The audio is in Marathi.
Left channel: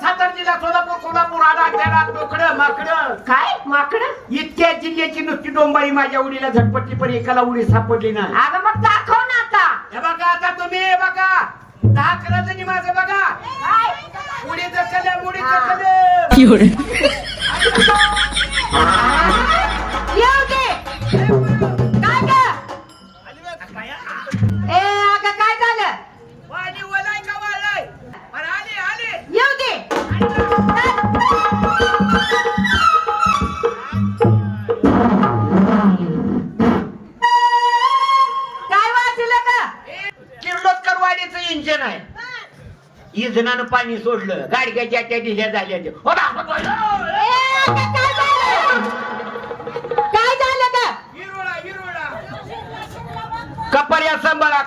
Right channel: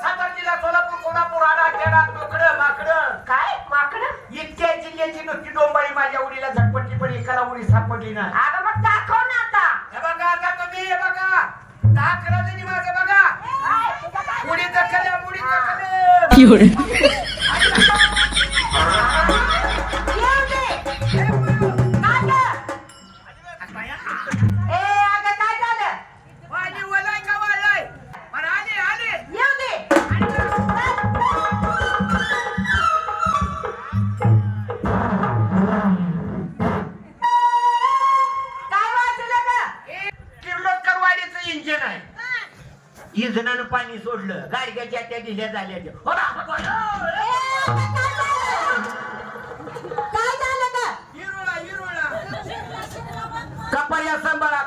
सातारा जिल्हा सोलापूर कोल्हापूर आडा खेळा तोकडं माकडं काय माकडं इतक्या जिल्ह्याची नुसती डोंबारी माझ्या उडीला झटपटली पण एकाला उडी सापडली नाही. अगं मग दाखव ना आता. हे बघा आता तुम्ही हे बघा 10 करायचं माझं बघा उडी कल्या मुडी कल्या येऊ दे. काय ग? ए अगं काय झालं? वाली वलाय का वळलाय पण आले आले येऊ दे. काय वाचलं का? किर्लोस्कर वाडीचं इंजिन आहे. इंजिनानं पाणी सोडलं गाडग्याच्या त्या ढिल्या झाल्या हो ए, अगं, काय झालं? काय झालं का? हिरोळा हिरोळा कपाऱ्या सांभाळा